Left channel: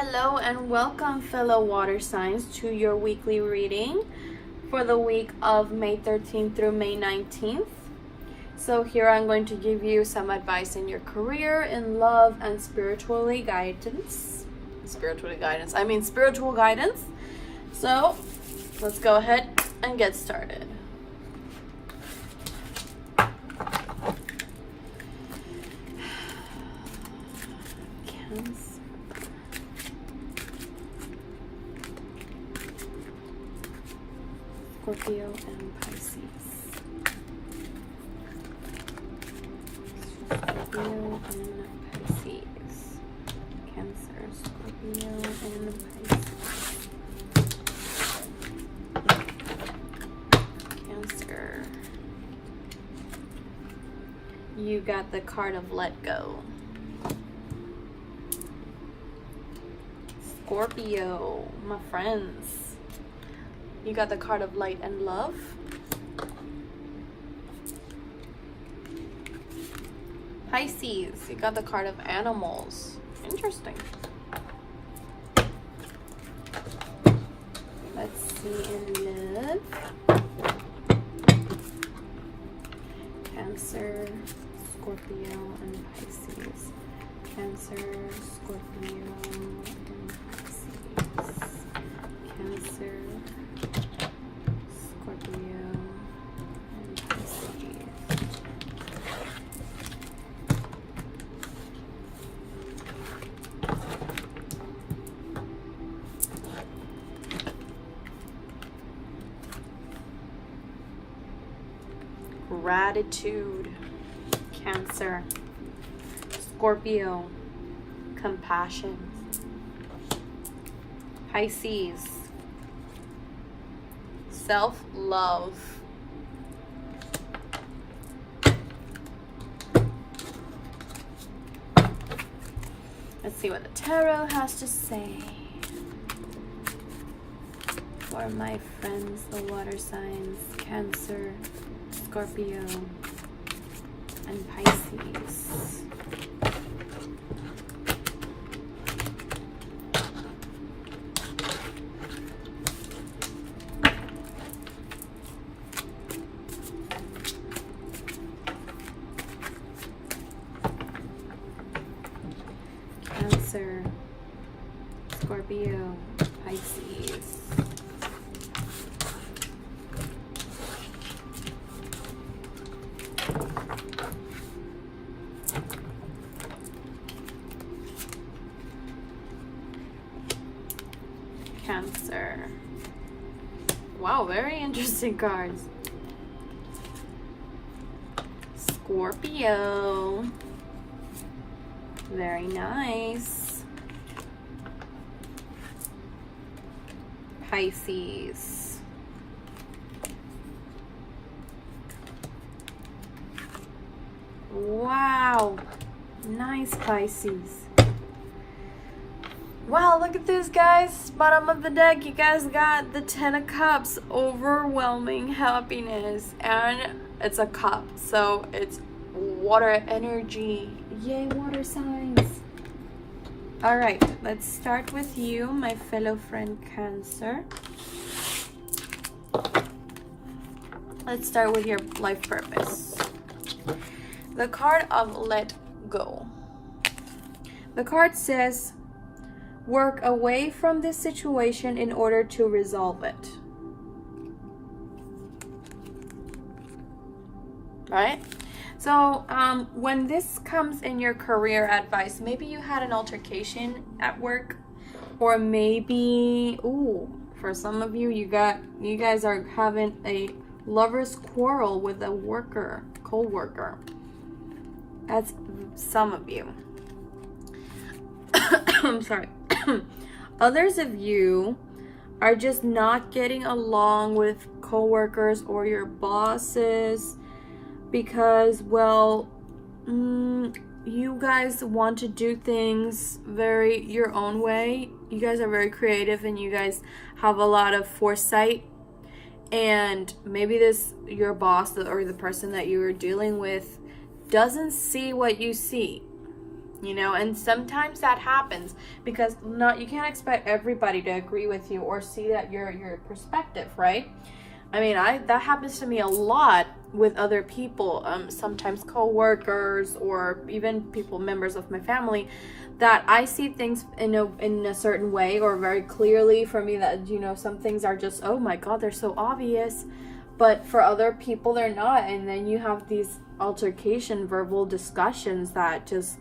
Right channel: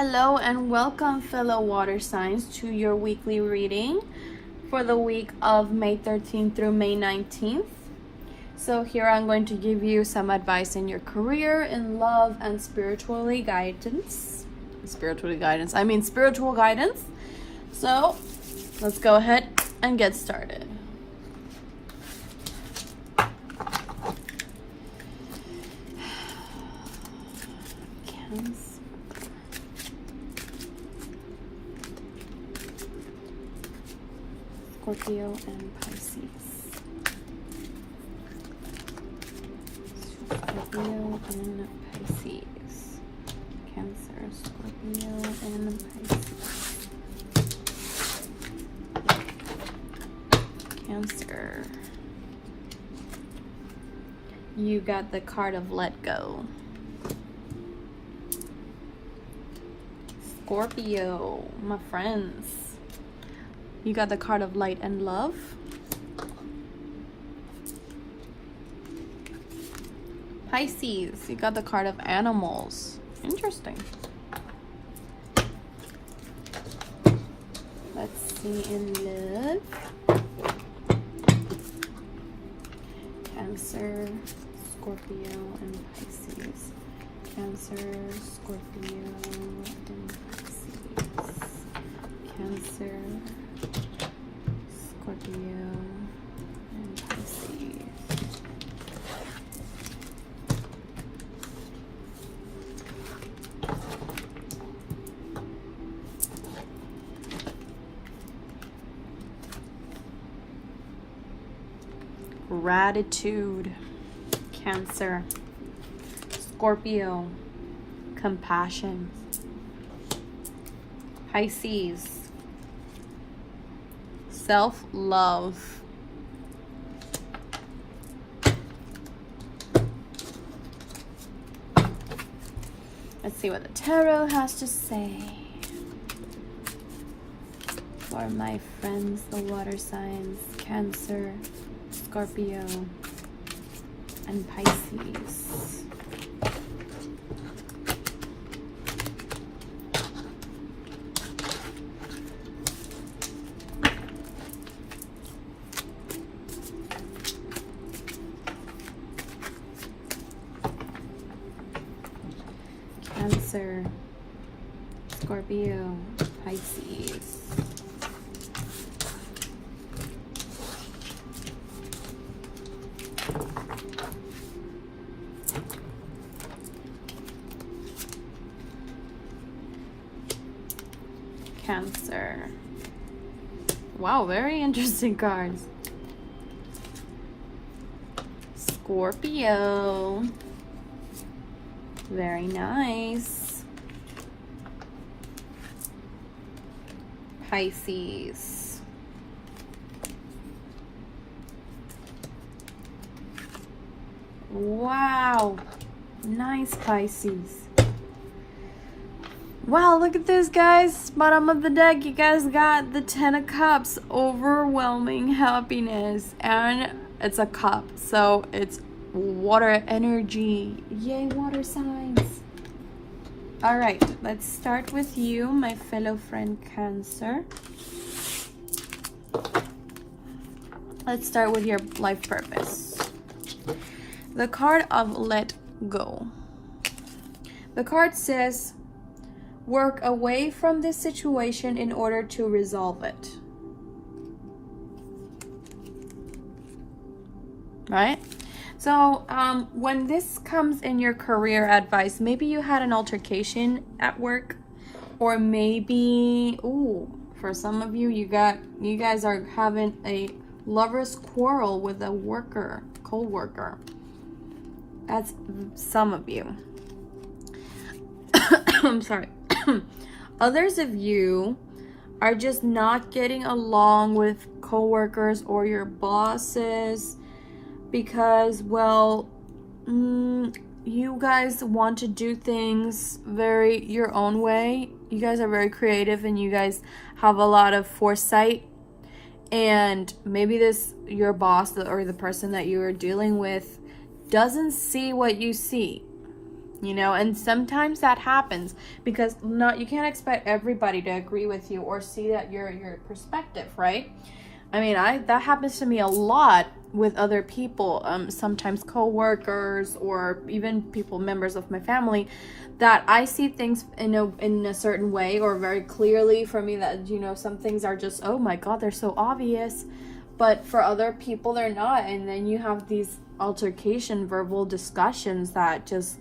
Hello and welcome, fellow water signs, to your weekly reading for the week of May 13th through May 19th. So here I'm going to give you some advice in your career, in love, and spiritual guidance. Spiritual guidance. So let's go ahead and get started. Scorpio and Pisces. Scorpio and Pisces. Cancer, Scorpio and Pisces. Cancer. You got the card of let go. Scorpio, my friends. You got the card of light and love. Pisces, you got the card of animals. Interesting. Let's see in love. Cancer, Scorpio, and Pisces. Cancer, Scorpio, and Pisces. Cancer, Scorpio, and Pisces. Gratitude, Cancer. Scorpio, compassion. Pisces, self-love. Let's see what the tarot has to say for my friends, the water signs, Cancer, Scorpio, and Pisces. Cancer, Scorpio, Pisces. Cancer. Wow, very interesting cards. Scorpio. Very nice. Pisces. Wow. Nice, Pisces. Wow, look at this, guys. Bottom of the deck, you guys got the 10 of Cups. Overwhelming happiness. And it's a cup, so it's water energy. Yay, water signs. All right, let's start with you, my fellow friend Cancer. Let's start with your life purpose. The card of let go. The card says, work away from this situation in order to resolve it. Right? So when this comes in your career advice, maybe you had an altercation at work, or maybe, for some of you, you guys are having a lover's quarrel with a co-worker. That's some of you. I'm sorry. Others of you are just not getting along with co-workers or your bosses because, well, you guys want to do things your own way. You guys are very creative and you guys have a lot of foresight, and maybe your boss or the person that you are dealing with doesn't see what you see. you know, and sometimes that happens because you can't expect everybody to agree with you or see that your perspective, right? I mean, that happens to me a lot with other people, sometimes co-workers or even members of my family, that I see things in a certain way or very clearly. For me, that, you know, some things are just, oh my God, they're so obvious, but for other people they're not. And then you have these verbal discussions that just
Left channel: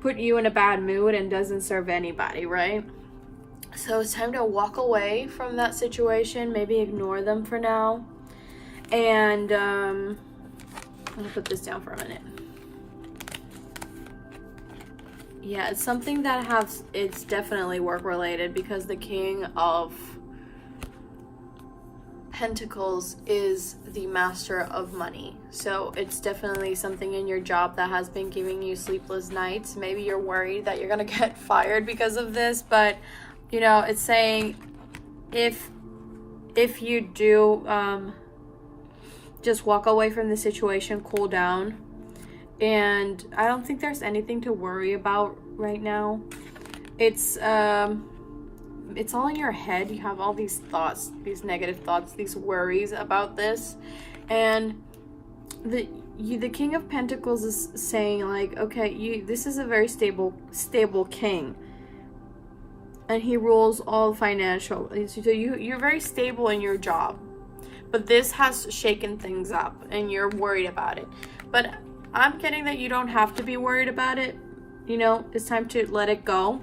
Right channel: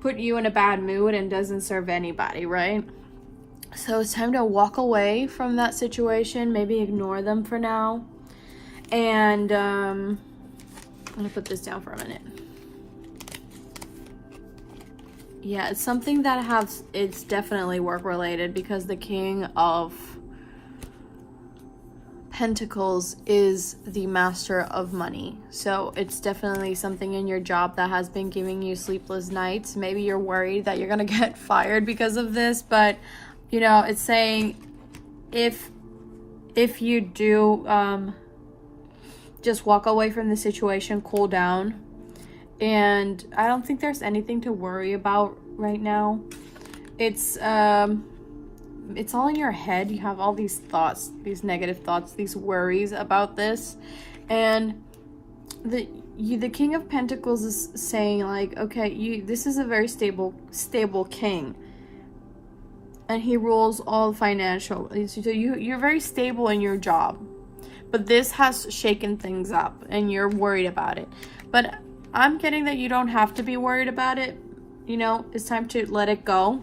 put you in a bad mood and doesn't serve anybody, right? So it's time to walk away from that situation, maybe ignore them for now. And I'm gonna put this down for a minute. Yeah, it's something that it's definitely work related, because the King of Pentacles is the master of money. So it's definitely something in your job that has been giving you sleepless nights. Maybe you're worried that you're gonna get fired because of this, but you know, it's saying if you do just walk away from the situation, cool down, and I don't think there's anything to worry about right now. It's all in your head. You have all these thoughts, these negative thoughts, these worries about this, and the King of Pentacles is saying, like, okay, this is a very stable king. And he rules all financial. So you're very stable in your job. But this has shaken things up and you're worried about it. But I'm getting that you don't have to be worried about it. You know, it's time to let it go.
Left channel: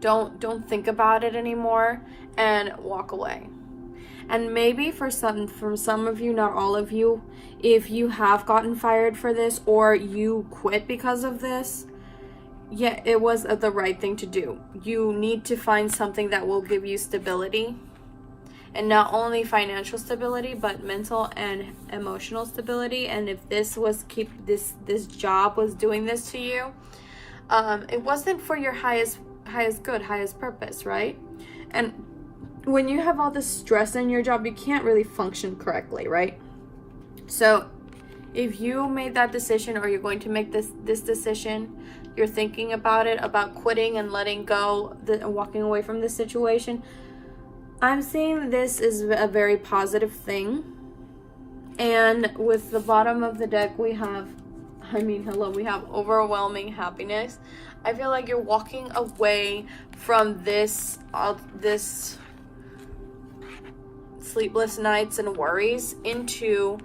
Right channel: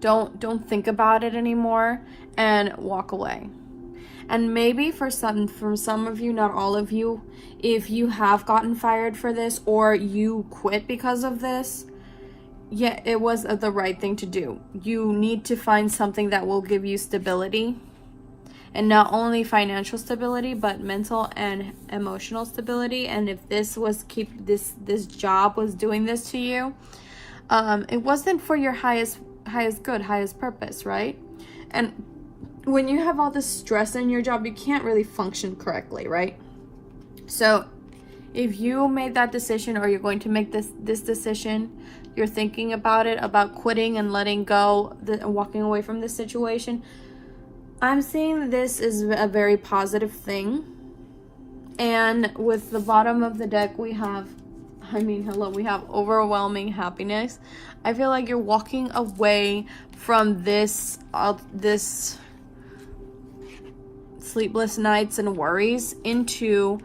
Don't think about it anymore and walk away. And maybe for some of you, not all of you, if you have gotten fired for this or you quit because of this, yeah, it was the right thing to do. You need to find something that will give you stability, and not only financial stability, but mental and emotional stability. And if this job was doing this to you, it wasn't for your highest good, highest purpose, right? And when you have all this stress in your job, you can't really function correctly, right? So if you made that decision, or you're going to make this decision, you're thinking about it, about quitting and letting go, walking away from this situation, I'm saying this is a very positive thing. And with the bottom of the deck, we have overwhelming happiness. I feel like you're walking away from this sleepless nights and worries into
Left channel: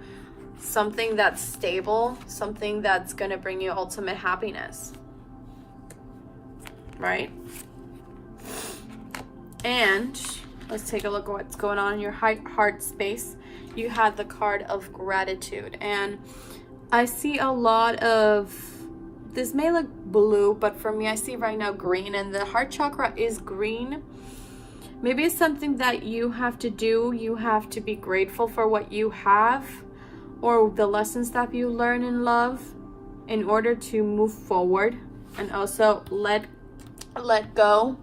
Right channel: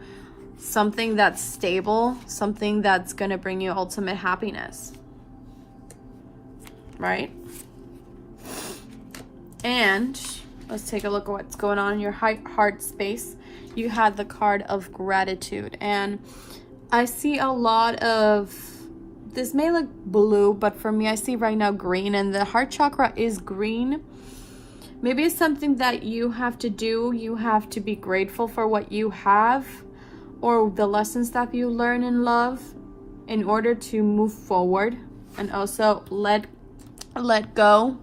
something that's stable, something that's going to bring you ultimate happiness. Right? And let's take a look at what's going on in your heart space. You had the card of gratitude, and I see a lot of, this may look blue, but for me I see right now green, and the heart chakra is green. Maybe it's something that you have to do. You have to be grateful for what you have, or the lessons that you learn in love, in order to move forward, and also let go.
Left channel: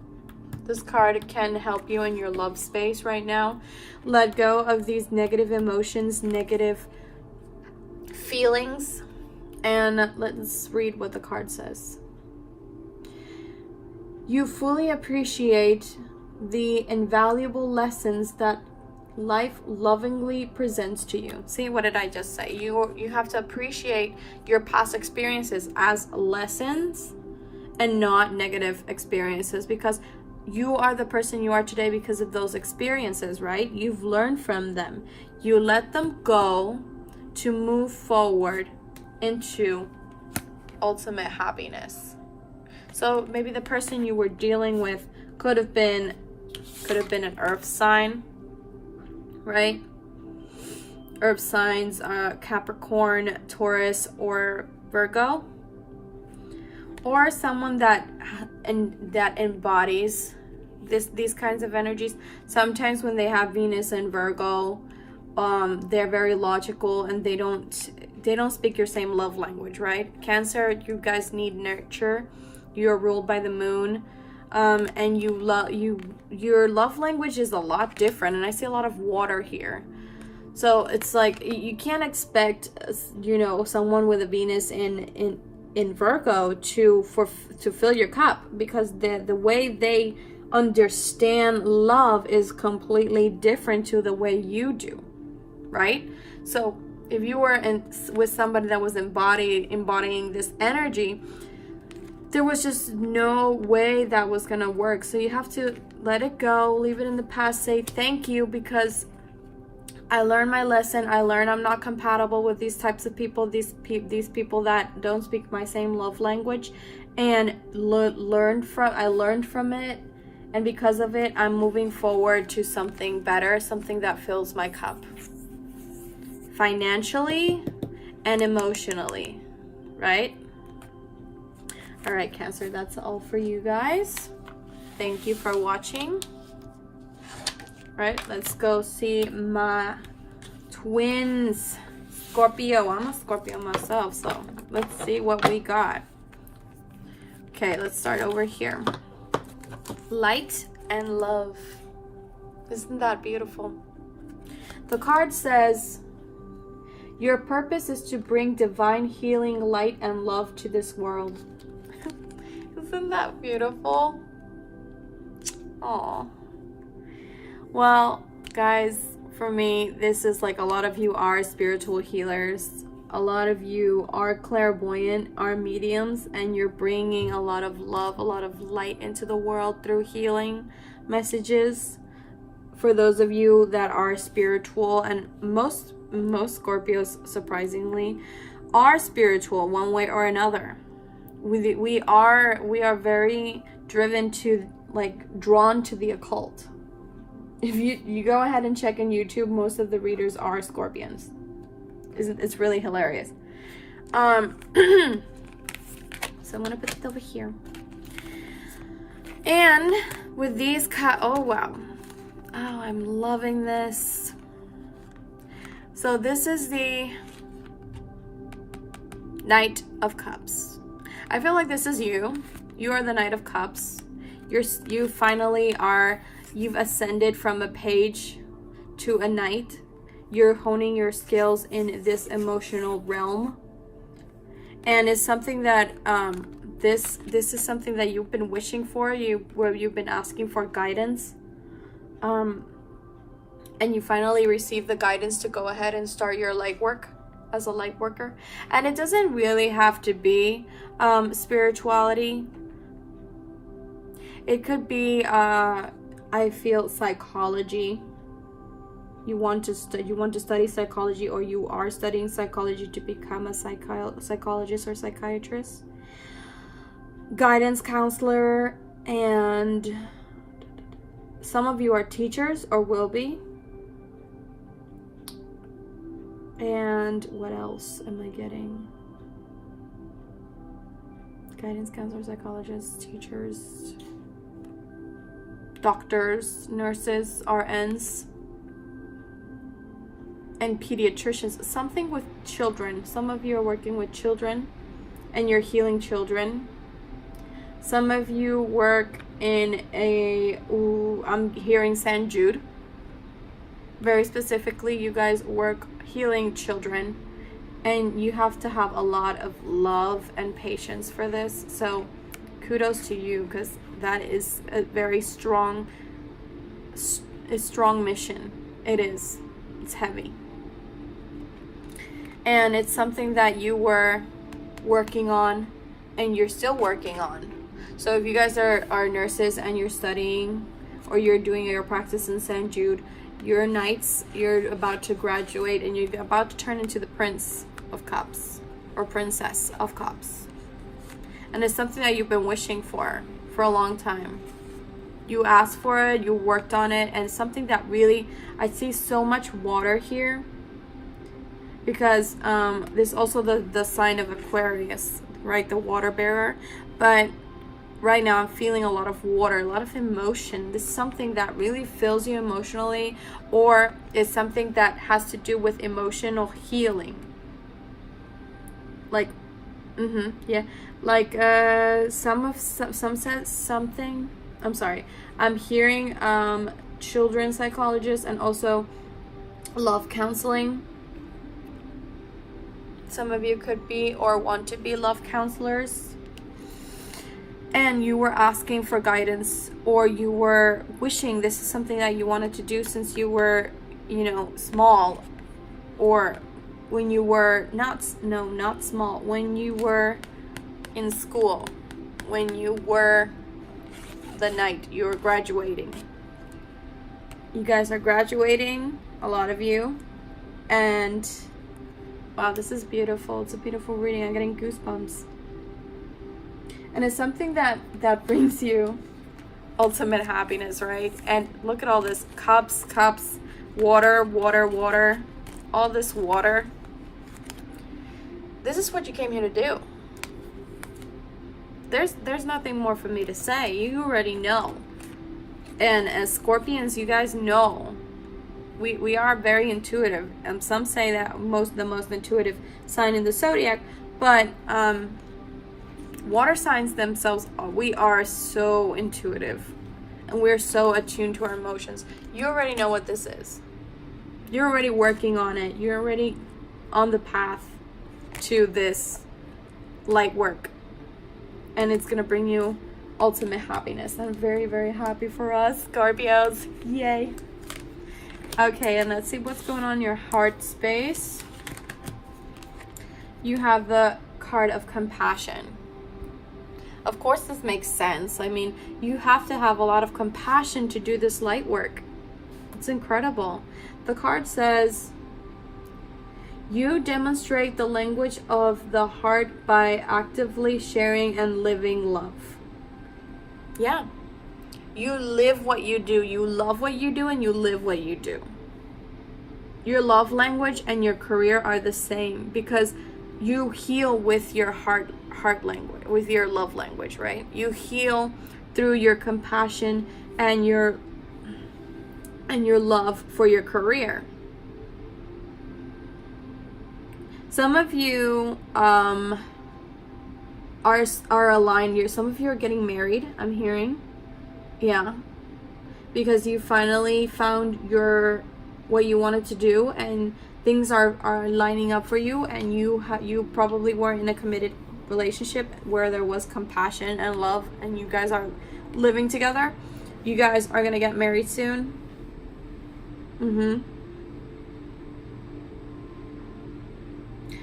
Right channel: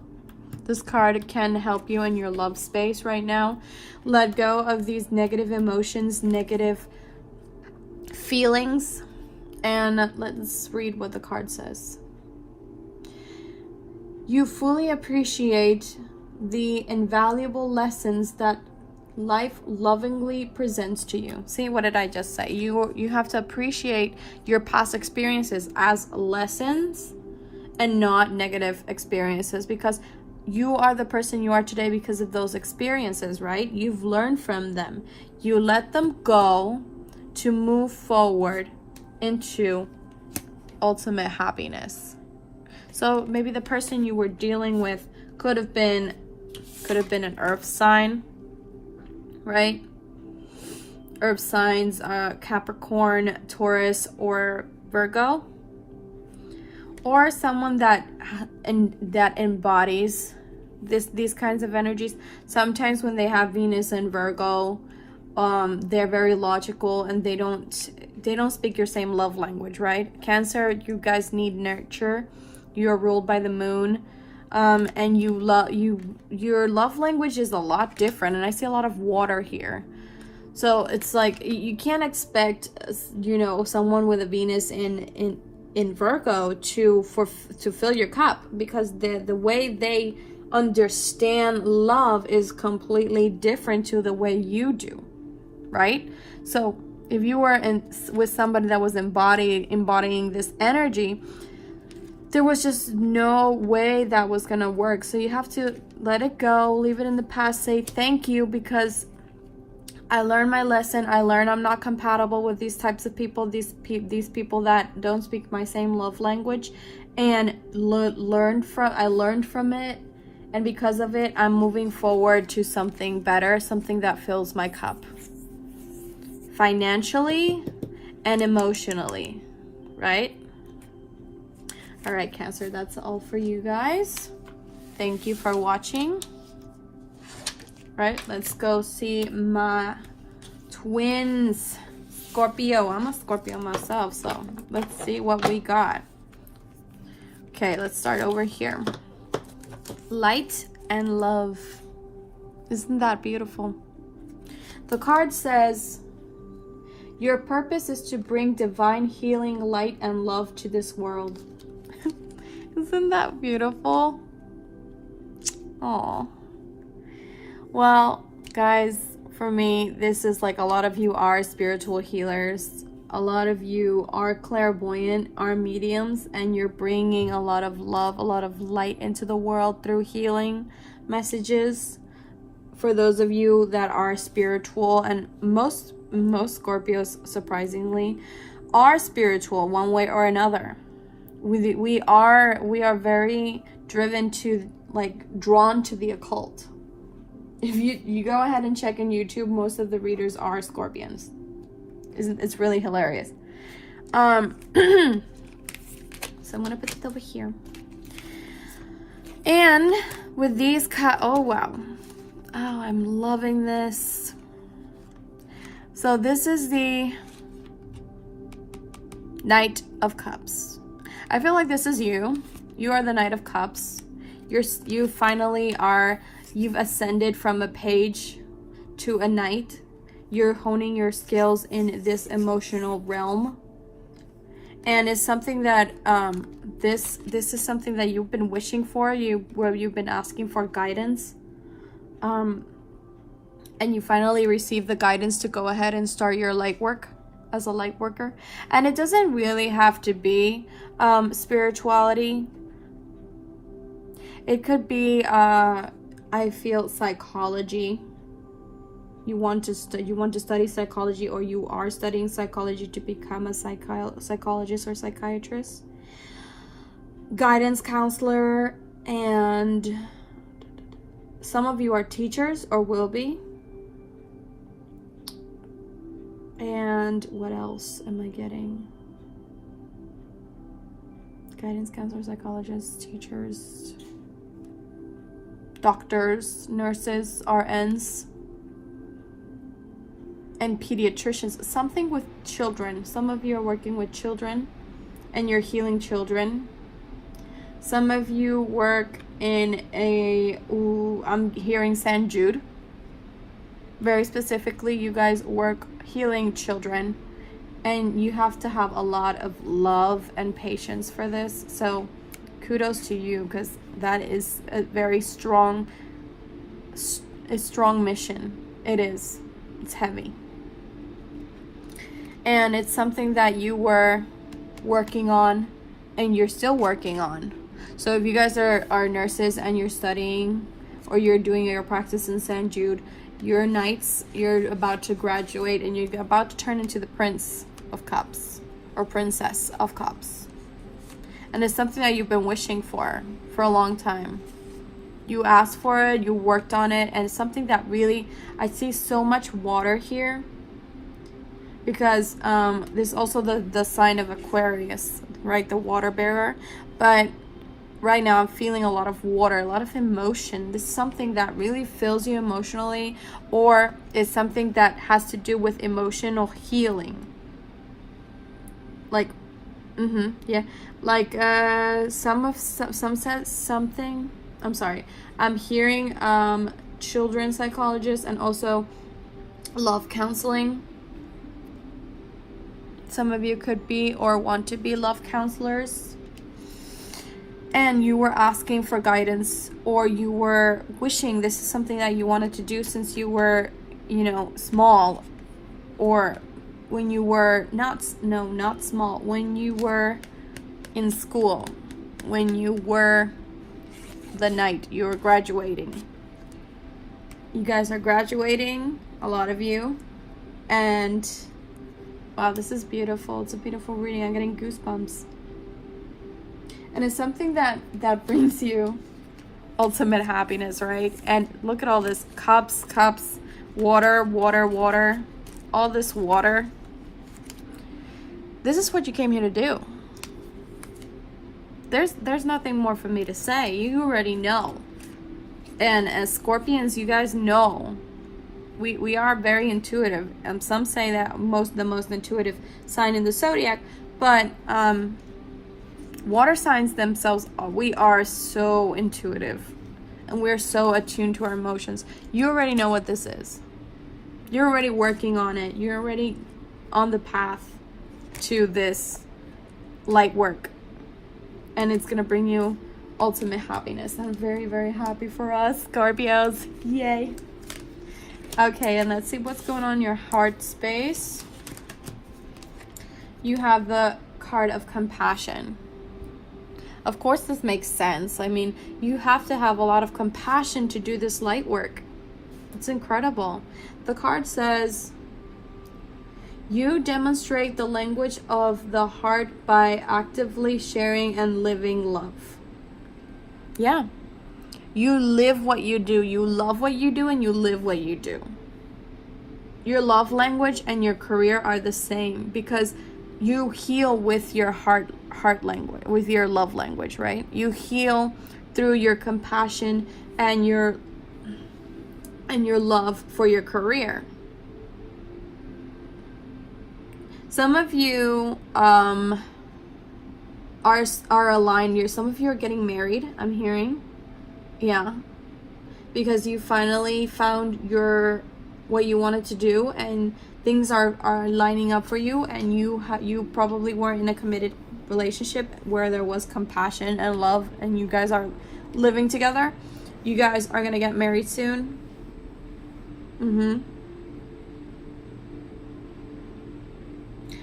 This card can help you in your love space right now. Let go of these negative emotions, negative feelings. And let's read what the card says. You fully appreciate the invaluable lessons that life lovingly presents to you. See, what did I just say? You have to appreciate your past experiences as lessons and not negative experiences, because you are the person you are today because of those experiences, right? You've learned from them. You let them go to move forward into ultimate happiness. So maybe the person you were dealing with could have been an earth sign, right? Earth signs, Capricorn, Taurus, or Virgo, or someone that embodies these kinds of energies. Sometimes when they have Venus and Virgo, they're very logical, and they don't speak your same love language, right? Cancer, you guys need nurture. You're ruled by the moon, and your love language is a lot different, and I see a lot of water here. So it's like you can't expect, someone with a Venus in in Virgo to fill your cup, because the way they understand love is completely different to the way you do, right? So if you were with somebody that was embodying this energy, there was just no way that was gonna work. So you have to let it go, leave it in the past, say thank you, because I learned my lesson. I learned I'm not compatible with these types of people, these people that don't speak my same love language, and I learned from it, and because of it, I'm moving forward to something better, something that fills my cup, financially and emotionally, right? All right, Cancer, that's all for you guys. Thank you for watching. Right, let's go see my twins, Scorpio. I'm a Scorpio myself, so let's see what we got. Okay, let's start over here. Light and love. Isn't that beautiful? The card says, your purpose is to bring divine healing, light, and love to this world. Isn't that beautiful? Oh. Well, guys, for me, this is like, a lot of you are spiritual healers. A lot of you are clairvoyant, are mediums, and you're bringing a lot of love, a lot of light into the world through healing messages. For those of you that are spiritual, and most Scorpios, surprisingly, are spiritual one way or another. We are very driven to, like, drawn to the occult. If you go ahead and check on YouTube, most of the readers are Scorpions. It's really hilarious. So I'm gonna put it over here. And with these oh wow, oh, I'm loving this. So this is the Knight of Cups. I feel like this is you. You are the Knight of Cups. You finally are. You've ascended from a page to a knight. You're honing your skills in this emotional realm, and it's something that this is something that you've been wishing for. Where you've been asking for guidance, and you finally received the guidance to go ahead and start your light work as a light worker. And it doesn't really have to be spirituality. It could be I feel psychology. You want to study psychology, or you are studying psychology to become a psychologist or psychiatrist, guidance counselor, and some of you are teachers or will be. And what else am I getting? Guidance counselor, psychologists, teachers, doctors, nurses, RNs, and pediatricians. Something with children. Some of you are working with children and you're healing children. Some of you work in I'm hearing St. Jude. Very specifically, you guys work healing children, and you have to have a lot of love and patience for this. So kudos to you, because that is a very strong mission. It is. It's heavy. And it's something that you were working on and you're still working on. So if you guys are nurses and you're studying, or you're doing your practice in St. Jude, you're knights, you're about to graduate, and you're about to turn into the Prince of Cups or Princess of Cups. And it's something that you've been wishing for a long time. You asked for it, you worked on it, and something that really, I see so much water here, because there's also the sign of Aquarius, right? The water bearer. But right now I'm feeling a lot of water, a lot of emotion. This is something that really fills you emotionally, or is something that has to do with emotional healing. Like, yeah, like some says something. I'm sorry. I'm hearing children's psychologists and also love counseling. Some of you could be or want to be love counselors, and you were asking for guidance, or you were wishing this is something that you wanted to do since you were, you know, small, or when you were not small, when you were in school, when you were the night you were graduating. You guys are graduating, a lot of you, and wow, this is beautiful. It's a beautiful reading. I'm getting goosebumps. And it's something that brings you ultimate happiness, right? And look at all this, cups, water, all this water. This is what you came here to do. There's nothing more for me to say. You already know. And as Scorpions, you guys know, we are very intuitive. Some say that the most intuitive sign in the zodiac, but water signs themselves, we are so intuitive, and we're so attuned to our emotions. You already know what this is. You're already working on it. You're already on the path to this light work, and it's gonna bring you ultimate happiness. I'm very, very happy for us, Scorpios. Yay. Okay, and let's see what's going on in your heart space. You have the card of compassion. Of course, this makes sense. I mean, you have to have a lot of compassion to do this light work. It's incredible. The card says, you demonstrate the language of the heart by actively sharing and living love. Yeah. You live what you do. You love what you do, and you live what you do. Your love language and your career are the same, because you heal with your heart language, with your love language, right? You heal through your compassion and your love for your career. Some of you are aligned. Some of you are getting married, I'm hearing. Yeah, because you finally found what you wanted to do, and things are lining up for you, and you probably weren't in a committed relationship where there was compassion and love, and you guys are living together. You guys are gonna get married soon.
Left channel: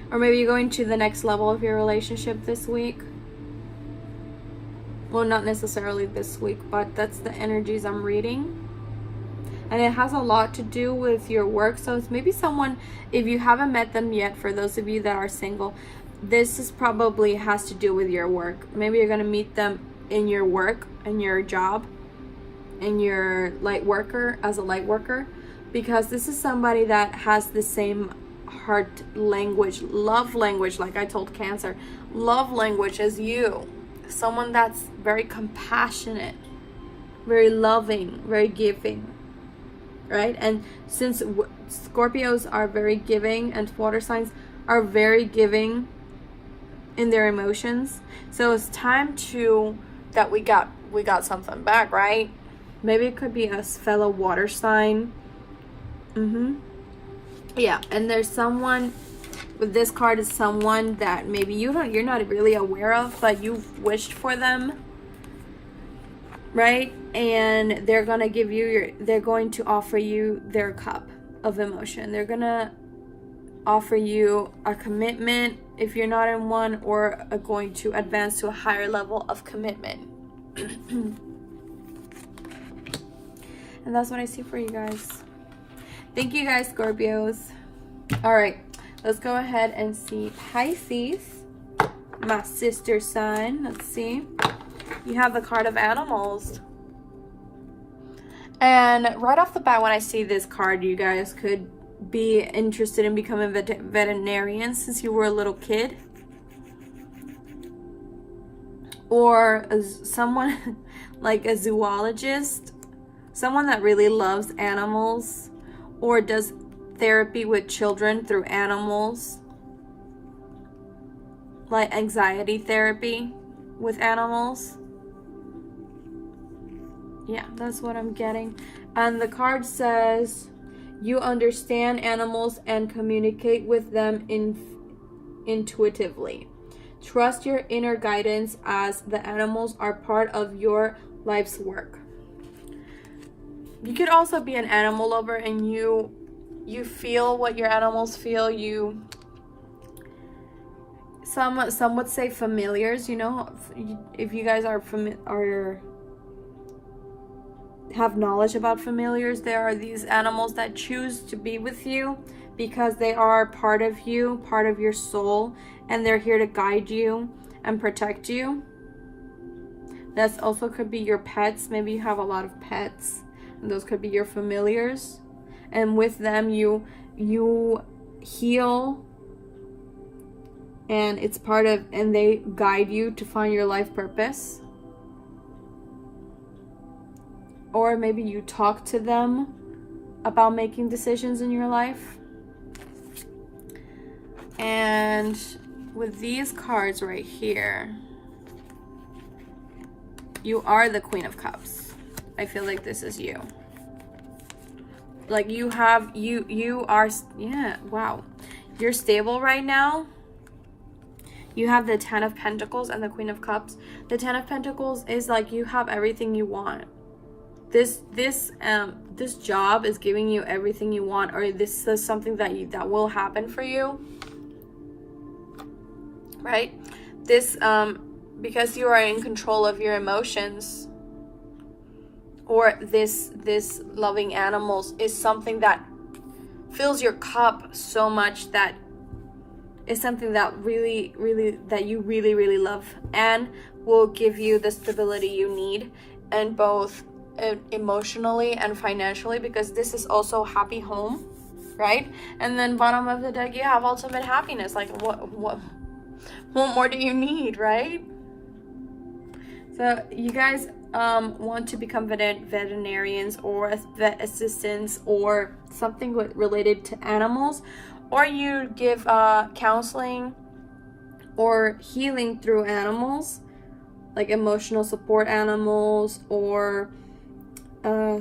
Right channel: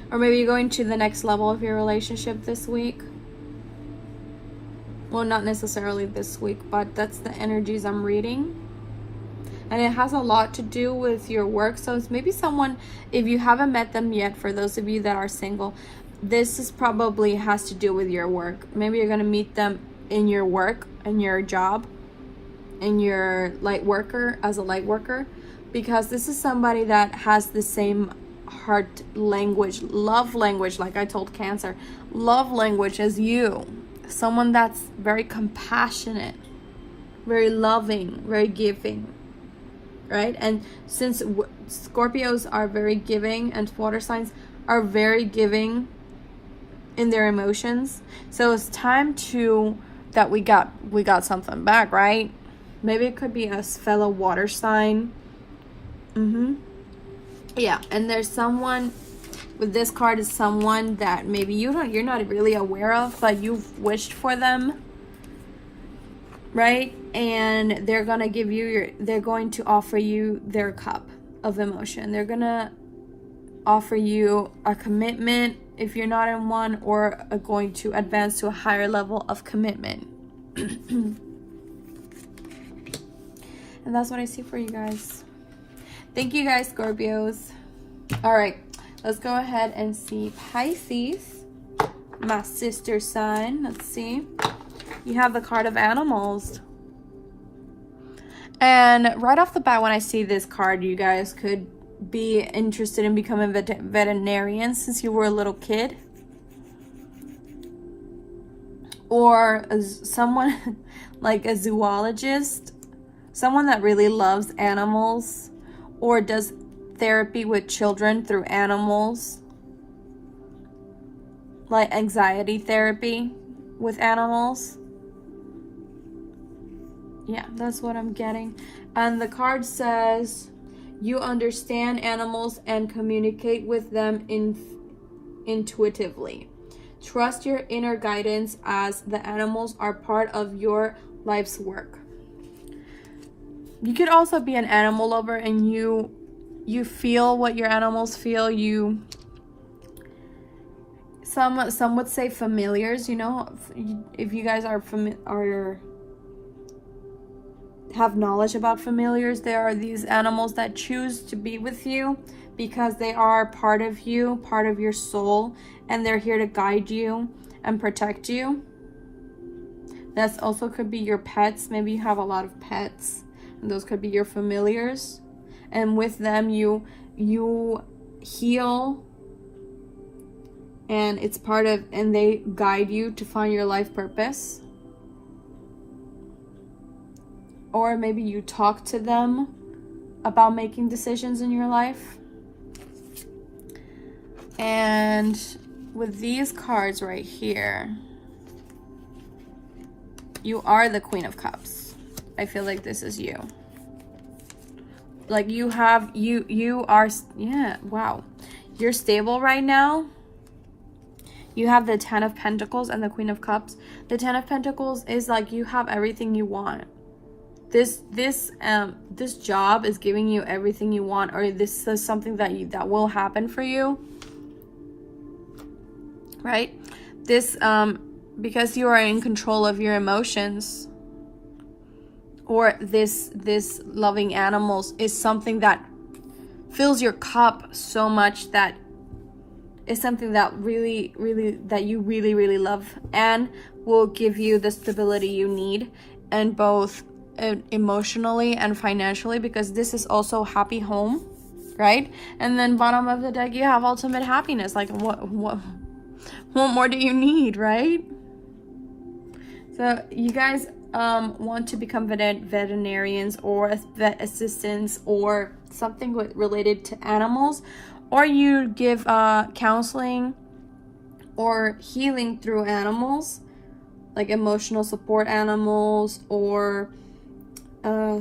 Or maybe you're going to the next level of your relationship this week. Well, not necessarily this week, but that's the energies I'm reading. And it has a lot to do with your work. So it's maybe someone, if you haven't met them yet, for those of you that are single, this is probably has to do with your work. Maybe you're going to meet them in your work, in your job, in your light worker, as a light worker, because this is somebody that has the same heart language, love language, like I told Cancer, love language as you. Someone that's very compassionate, very loving, very giving, right? And since Scorpios are very giving, and water signs are very giving in their emotions, so it's time that we got something back, right? Maybe it could be a fellow water sign. Yeah, and there's someone with this card, is someone that maybe you're not really aware of, but you've wished for them, right? And they're gonna they're going to offer you their cup of emotion. They're gonna offer you a commitment if you're not in one, or are going to advance to a higher level of commitment. And that's what I see for you guys. Thank you guys, Scorpios. All right, let's go ahead and see Pisces, my sister sign. Let's see. You have the card of animals. And right off the bat, when I see this card, you guys could be interested in becoming a veterinarian since you were a little kid. Or someone like a zoologist, someone that really loves animals, or does therapy with children through animals, like anxiety therapy with animals. Yeah, that's what I'm getting. And the card says you understand animals and communicate with them intuitively. Trust your inner guidance, as the animals are part of your life's work. You could also be an animal lover, and you feel what your animals feel. Some would say familiars, you know, if you guys are have knowledge about familiars, there are these animals that choose to be with you because they are part of you, part of your soul, and they're here to guide you and protect you. That also could be your pets. Maybe you have a lot of pets, and those could be your familiars, and with them you heal, and it's part of, and they guide you to find your life purpose. Or maybe you talk to them about making decisions in your life. And with these cards right here, you are the Queen of Cups. I feel like this is you. Like you are, yeah, wow. You're stable right now. You have the Ten of Pentacles and the Queen of Cups. The Ten of Pentacles is like you have everything you want. This job is giving you everything you want, or this is something that will happen for you, right? This because you are in control of your emotions, or this loving animals is something that fills your cup so much, that is something that really really love, and will give you the stability you need, and both emotionally and financially, because this is also happy home, right? And then bottom of the deck you have ultimate happiness. Like what more do you need, right? So you guys want to become veterinarians or vet assistants or something related to animals, or you give counseling or healing through animals, like emotional support animals, or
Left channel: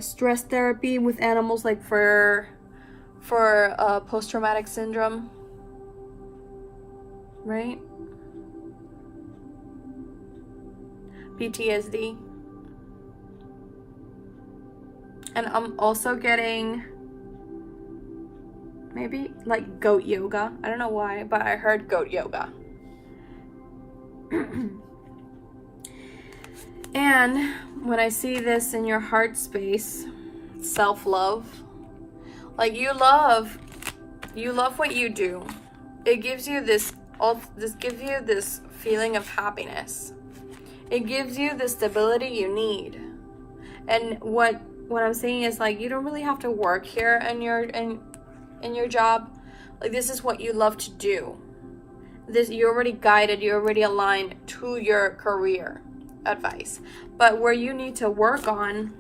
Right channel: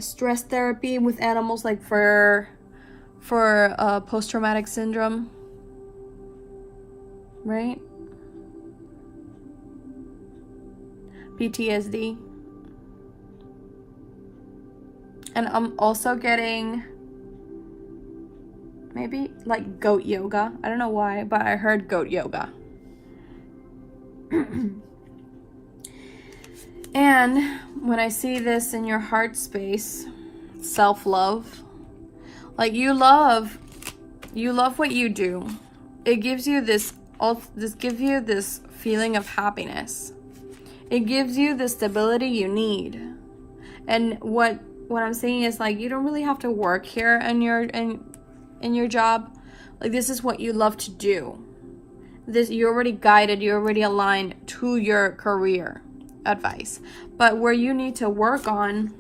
stress therapy with animals, like for post-traumatic syndrome, right? PTSD. And I'm also getting maybe like goat yoga. I don't know why, but I heard goat yoga. And when I see this in your heart space, self-love, like you love what you do. It gives you this feeling of happiness. It gives you the stability you need. And what I'm saying is, like, you don't really have to work here in your job. Like, this is what you love to do. You're already guided, you're already aligned to your career advice. But where you need to work on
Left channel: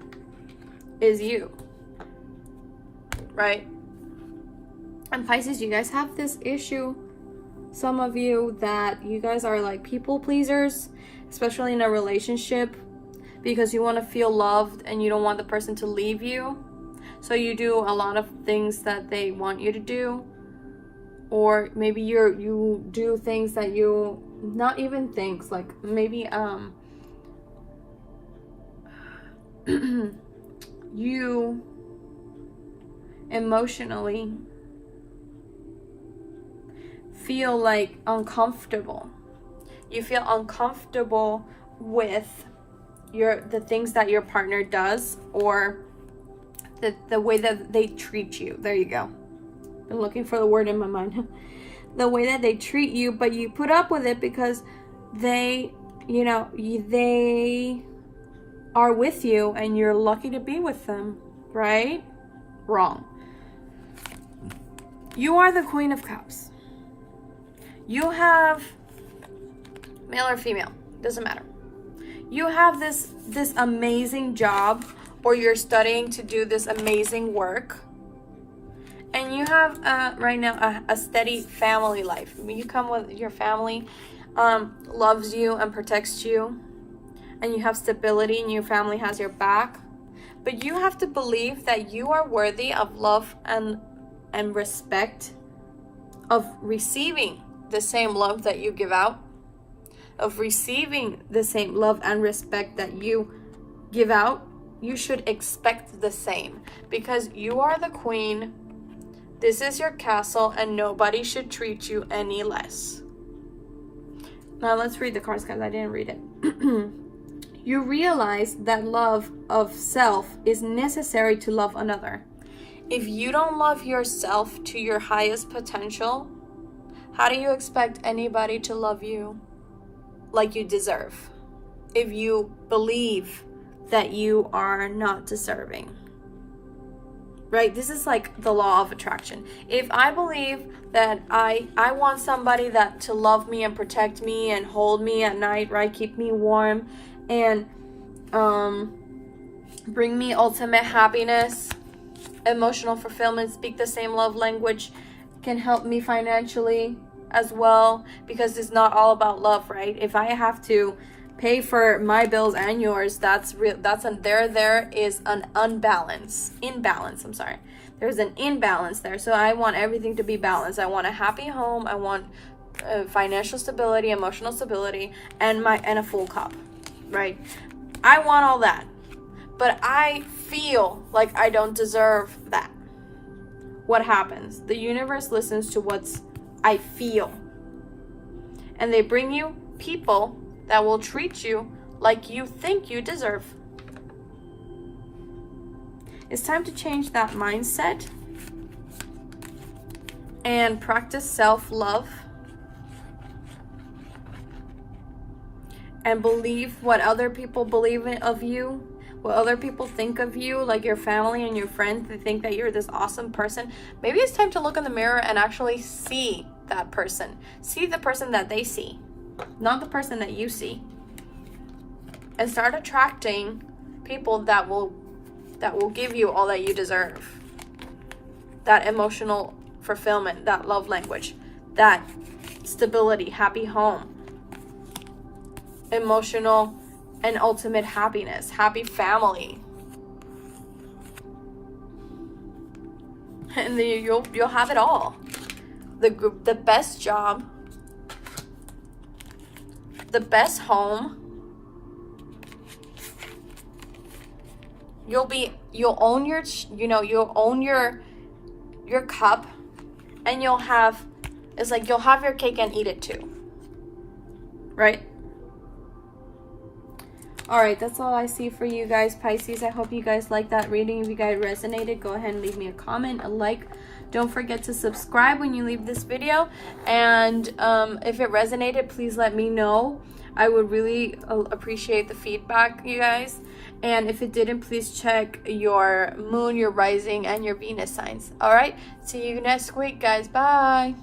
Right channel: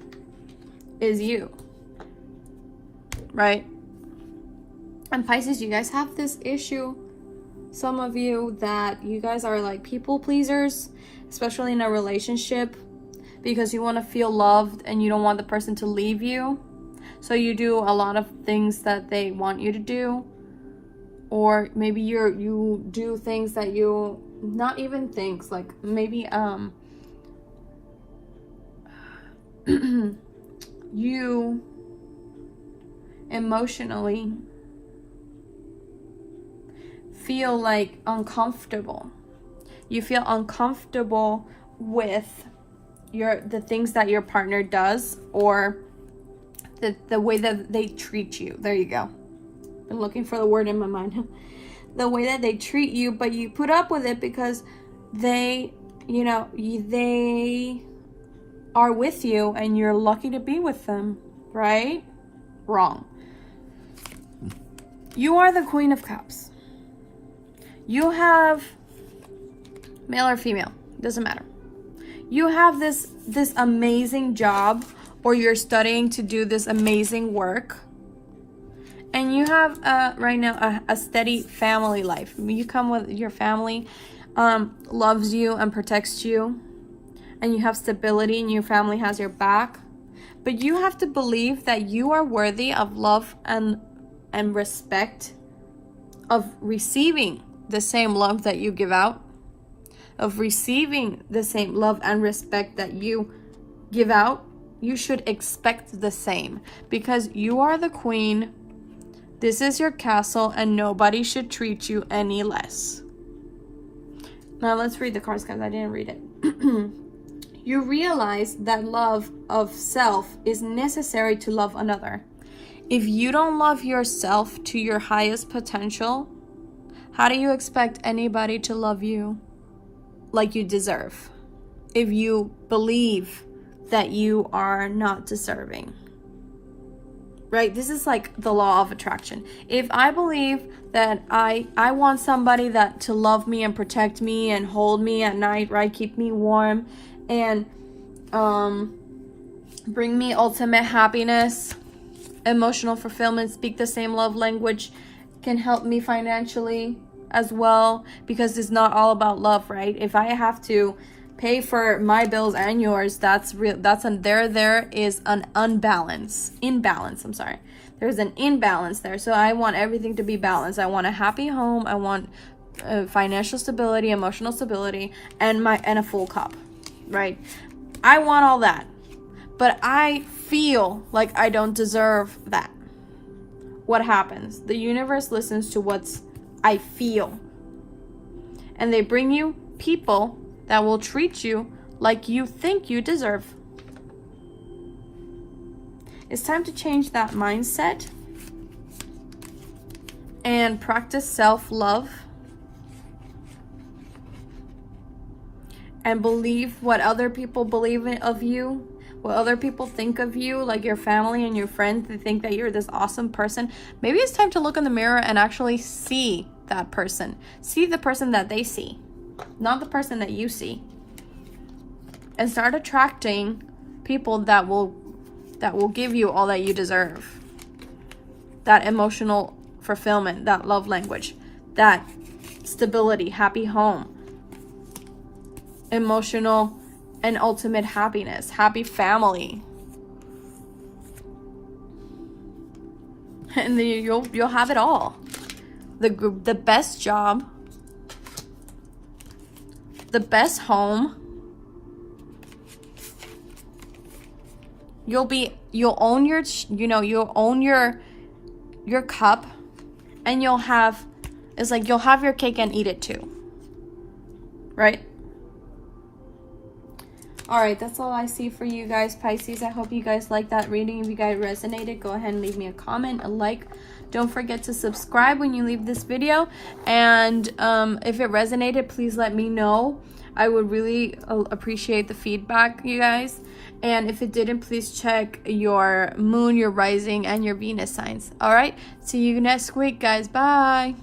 is you, right? And Pisces, you guys have this issue, some of you, that you guys are like people pleasers, especially in a relationship, because you want to feel loved and you don't want the person to leave you. So you do a lot of things that they want you to do, or maybe you do things that you, not even things, like maybe you emotionally feel like uncomfortable. You feel uncomfortable with the things that your partner does, or the way that they treat you. There you go. I'm looking for the word in my mind. The way that they treat you, but you put up with it because they are with you and you're lucky to be with them, right? Wrong. You are the Queen of Cups. You have, male or female, doesn't matter. You have this amazing job, or you're studying to do this amazing work, and you have right now a steady family life. You come with your family, loves you and protects you, and you have stability and your family has your back. But you have to believe that you are worthy of love and respect, of receiving the same love that you give out, of receiving the same love and respect that you give out, you should expect the same, because you are the queen. This is your castle, and nobody should treat you any less. Now let's read the cards, guys. I didn't read it. You realize that love of self is necessary to love another. If you don't love yourself to your highest potential, how do you expect anybody to love you like you deserve? If you believe that you are not deserving, right? This is like the law of attraction. If I believe that I want somebody that to love me and protect me and hold me at night, right? Keep me warm and bring me ultimate happiness, emotional fulfillment, speak the same love language, can help me financially as well, because it's not all about love, right? If I have to pay for my bills and yours, there is an imbalance. There's an imbalance there. So I want everything to be balanced. I want a happy home. I want financial stability, emotional stability, and a full cup, right? I want all that, but I feel like I don't deserve that. What happens? The universe listens to what I feel, and they bring you people that will treat you like you think you deserve. It's time to change that mindset and practice self-love and believe what other people believe of you, what other people think of you, like your family and your friends. They think that you're this awesome person. Maybe it's time to look in the mirror and actually see that person. See the person that they see, not the person that you see. And start attracting people that will give you all that you deserve. That emotional fulfillment, that love language, that stability, happy home, emotional and ultimate happiness, happy family. And you'll have it all. The best job, the best home. You'll own your cup, and you'll have your cake and eat it too. Right? Alright, that's all I see for you guys, Pisces. I hope you guys like that reading. If you guys resonated, go ahead and leave me a comment, a like. Don't forget to subscribe when you leave this video. And if it resonated, please let me know. I would really appreciate the feedback, you guys. And if it didn't, please check your moon, your rising, and your Venus signs. Alright? See you next week, guys. Bye.